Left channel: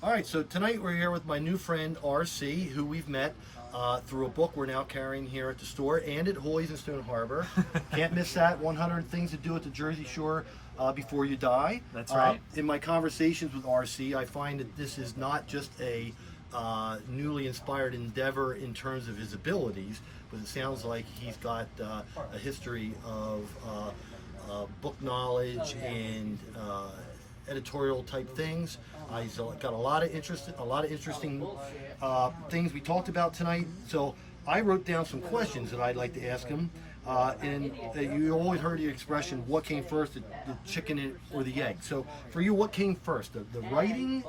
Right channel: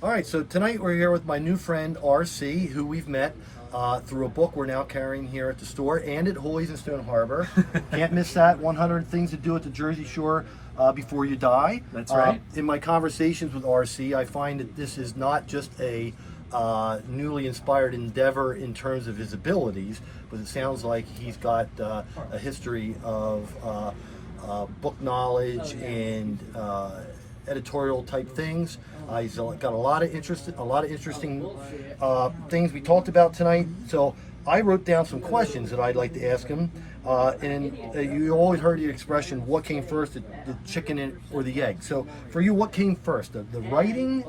All right, so tonight we're here with my new friend RC, who we've met through a book we're now carrying here at the store and at Hoy's in Stone Harbor. Can't miss that. 100 Things to Do at the Jersey Shore Before You Die. That's right. In my conversations with RC, I find that this is not just a newly inspired endeavor in terms of his abilities, but it sounds like he's got a history of book knowledge and editorial type things. He's got a lot of interesting things we talked about tonight. So I wrote down some questions that I'd like to ask him. You always heard the expression, what came first, the chicken or the egg? So for you, what came first, the writing,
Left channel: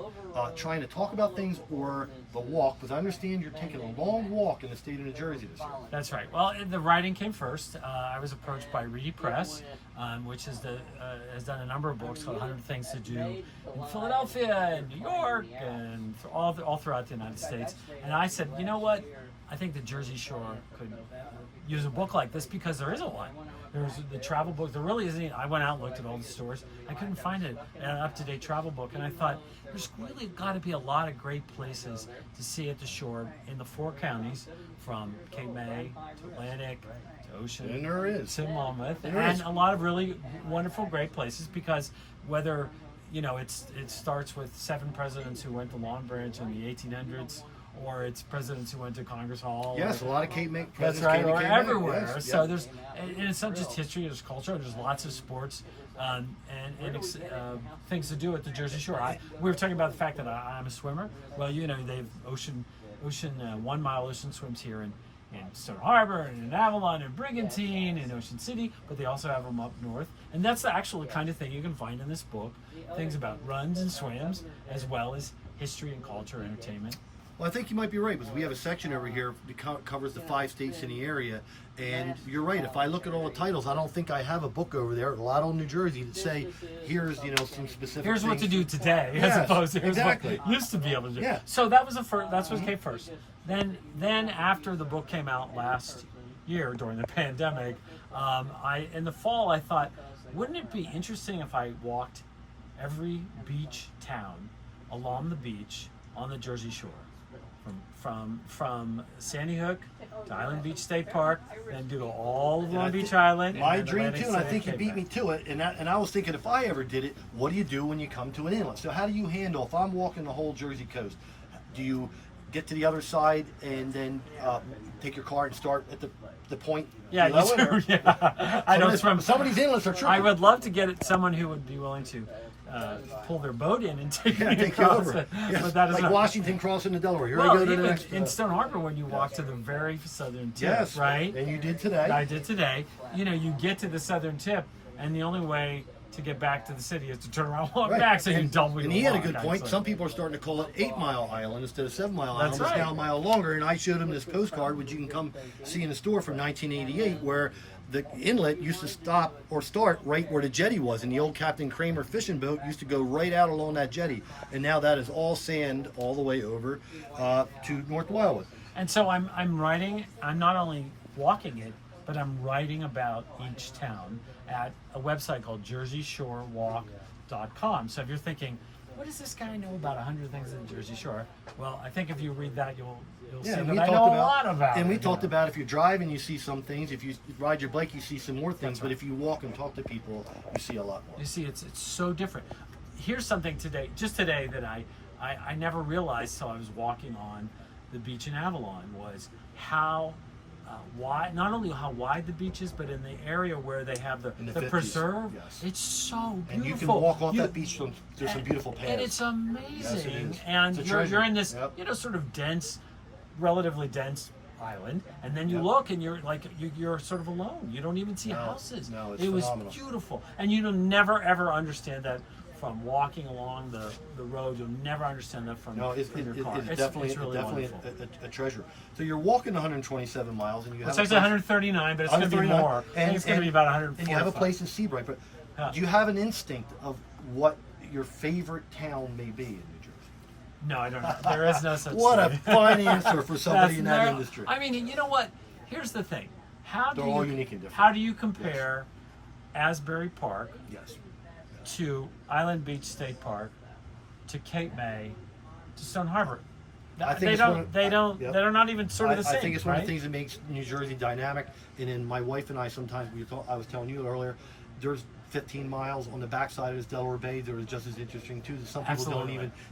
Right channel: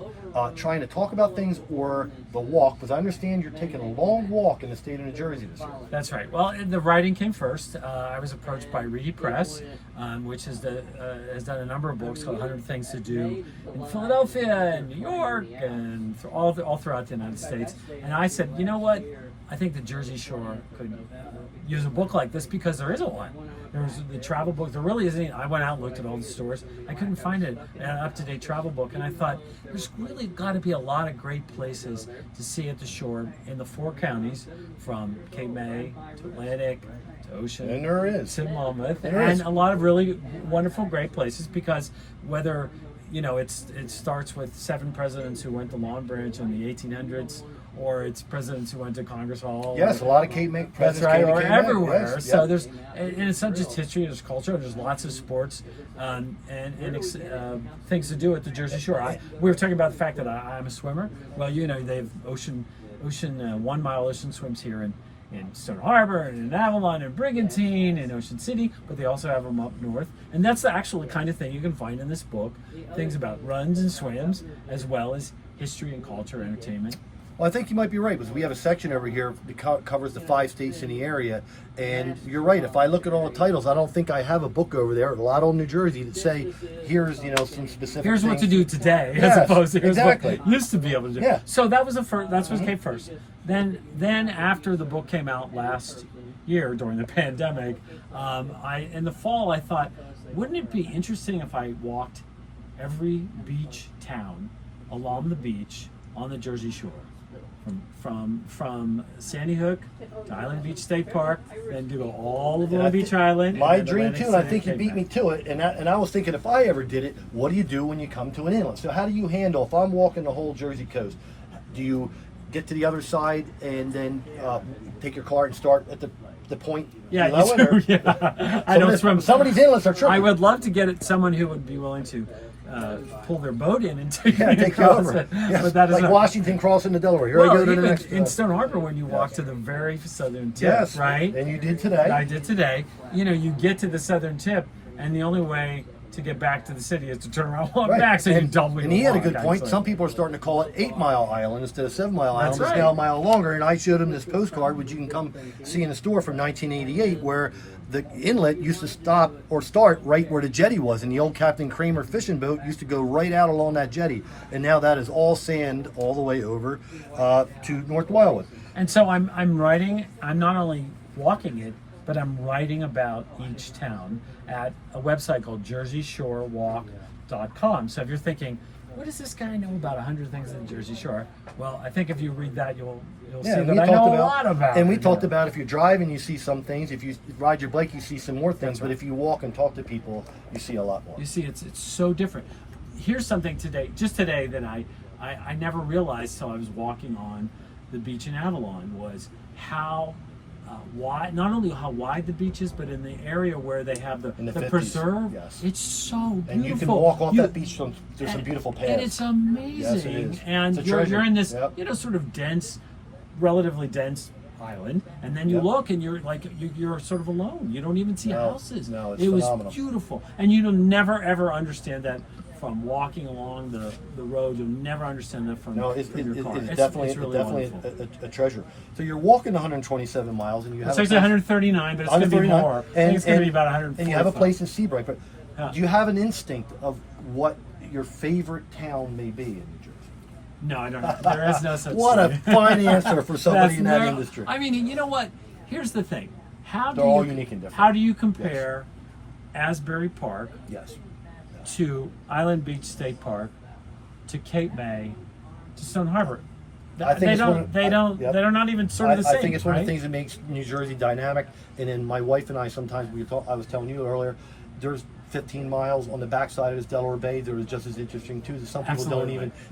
trying to talk about things, or the walk? Because I understand you're taking a long walk in the state of New Jersey this year. That's right. Well, the writing came first. I was approached by Reedy Press, which has done a number of books called 100 Things to Do in Philadelphia and New York and all throughout the United States. And I said, you know what? I think the Jersey Shore could use a book like this because there isn't one. There's the travel book. There really isn't. I went out and looked at all the stores. I couldn't find an up-to-date travel book, and I thought there's really got to be a lot of great places to see at the shore in the four counties, from Cape May to Atlantic to Ocean. And there is. To Monmouth, and a lot of really wonderful, great places. Because whether it starts with 7 presidents who went to Long Branch in the 1800s. Or it's presidents who went to Congress Hall. Yes, a lot of Cape May That's presidents. right, came to or Cape May. everywhere. Yes, So yep. and it's not just history, there's culture, there's lots of sports and things to do at the Jersey Shore. We were talking about the fact that I'm a swimmer. Well, they have ocean 1 mile ocean swims here in Stone Harbor and in Avalon and Brigantine and Ocean City, but they also have them up north. And that's the actual kind of thing you can find in this book, things about runs and swims, as well as history and culture, entertainment. Well, I think you might be right, because we have a section over here that covers the 5 states in the area, and you're right. If I look at all the titles, I don't think I have a book over there, a lot on New Jersey, that say, here's some specific Here's things. what to do today, Yes, as opposed to here's exactly. what used to be able to do. Yeah. So that was that's what came first. Then after the book came out last year during the pandemic, in the fall I thought, wouldn't it be interesting if I walked every beach town along the beach on the Jersey Shore? From Sandy Hook to Island Beach State Park, then to go all over Long Beach Island. My dream too, and I think you beat me to it. And I was thinking, if I ever did it, what do you do when you come to an inlet? So how do you handle, if I'm walking the whole Jersey coast, do you get to the other side and then take your car and start at the point? Yeah, below it, or- yeah. I don't swim. Some of these inlets are tricky. I would love to get someone who would be willing to pull their boat in and take me take you across over. it. Yes. But that is like not. Washington crossing the Delaware. Here Well, I go to the even next. in Stone Harbor, when you walk to the very southern tip, Yes, right? And you did today. I did today. You get to the southern tip, and the only way to get back to the city is to turn around and walk Right. back, so you double your And he had a walk, good point. actually. Some people are starting to call it 8 Mile Island instead of 7 Mile Island. That's It's right. now a mile longer. And I showed him this postcard, which you can come see in the store, from 1988, where the inlet used to start right where the jetty was, and the old Captain Kramer fishing boat used to go right out along that jetty. And now that is all sand all the way over to North Wildwood. And so I'm writing. I'm not only walking it, but I'm writing about each town at a website called JerseyShoreWalk.com. So if you're thinking, what does this guy know about 100 things in the Jersey Shore? Well, I think if you read that, you'll see that I know a lot about it. And we talked about, if you drive and you see some things, if you ride your bike, you see some more things. That's right. But if you walk and talk to people, you see a lot more. You see, it's so different. Here's something just today that I never realized till I was walking on the beach in Avalon, was how wide, not only how wide the beach is, but in the area where they have the 50s, preserve. yes. It's so beautiful. And you can walk off that beach. There's some beautiful paths. And it's amazing. Yes, it is. And It's a you're treasure. in this, Yep. sort of relatively dense island, and then you Yep. look and you're like, you're sort of alone. You don't even see No, houses. no, it's it was phenomenal. beautiful, and you'll never ever understand that from walking along the road. You'll never understand that from No, it's your car. definitely really definitely wonderful. a treasure. So you're walking 127 miles, and you have It's actually 139, but it's going to be 139, more. I think it's going to be about 140. And you have a place in Seabright. But Yeah. do you have an instinct of what your favorite town may be in New Jersey? No, I don't know. There is no such What a thing. fine answer for somebody That's in that no- industry. I mean, you know what? Here's the thing. They're all unique and different. How do you compare Asbury Park Yes. to Island Beach State Park to Cape May to Stone Harbor. I think They're not even sort of the same. I think it's one right? of the things that makes New Jersey dynamic. And then my wife and I sometimes I was telling you earlier, there's 15 miles on the backside of this Delaware Bay that is just as interesting too. That some people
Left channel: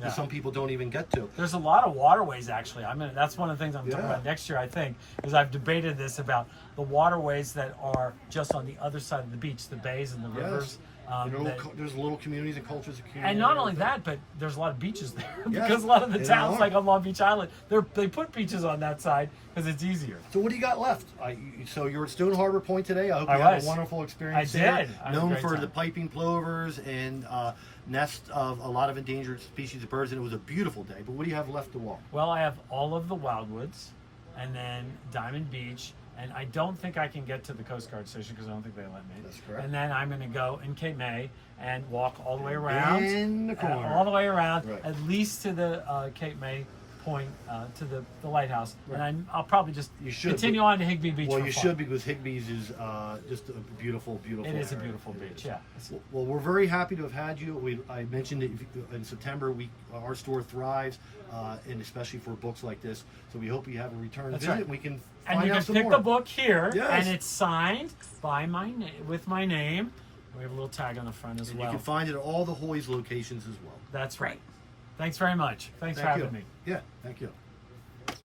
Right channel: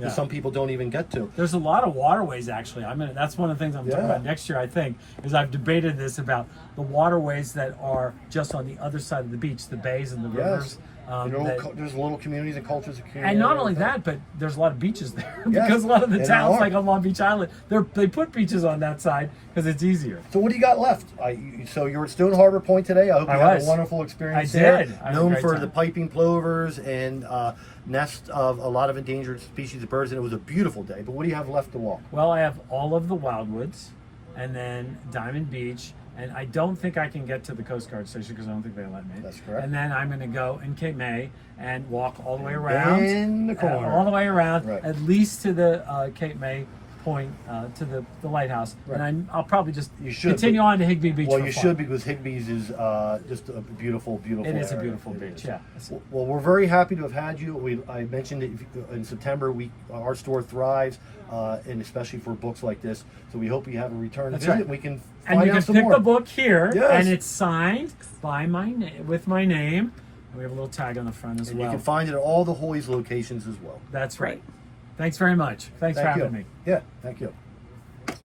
some people don't even get to. There's a lot of waterways actually. That's one of the things I'm talking about next year. I think is I've debated this about the waterways that are just on the other side of the beach, the bays and the rivers. There's little communities and cultures of community. And not only that, but there's a lot of beaches there because a lot of the towns, like on Long Beach Island, they put beaches on that side because it's easier. So what do you got left? So you're at Stone Harbor Point today. I hope you had a wonderful experience there. Known for the piping plovers and nests of a lot of endangered species of birds, and it was a beautiful day. But what do you have left to walk? Well, I have all of the wildwoods, and then Diamond Beach. And I don't think I can get to the Coast Guard station because I don't think they let me. That's correct. And then I'm going to go in Cape May and walk all the way around. In the corner. All the way around, right. at least to the Cape May point, to the lighthouse. Right. And I'll probably just continue on to Higby Beach. Well, you should, because Higby's is just a beautiful, beautiful It is area. a beautiful beach, yeah. Well, we're very happy to have had you. I mentioned that in September, our store thrives, and especially for books like this. So we hope you have a return visit. Right. We can and you can pick the book here, yes. and it's signed by with my name. We have a little tag on the front as well. You can find it at all the Hoy's locations as well. That's right. Thanks very much. Thanks for having me. Yeah, thank you.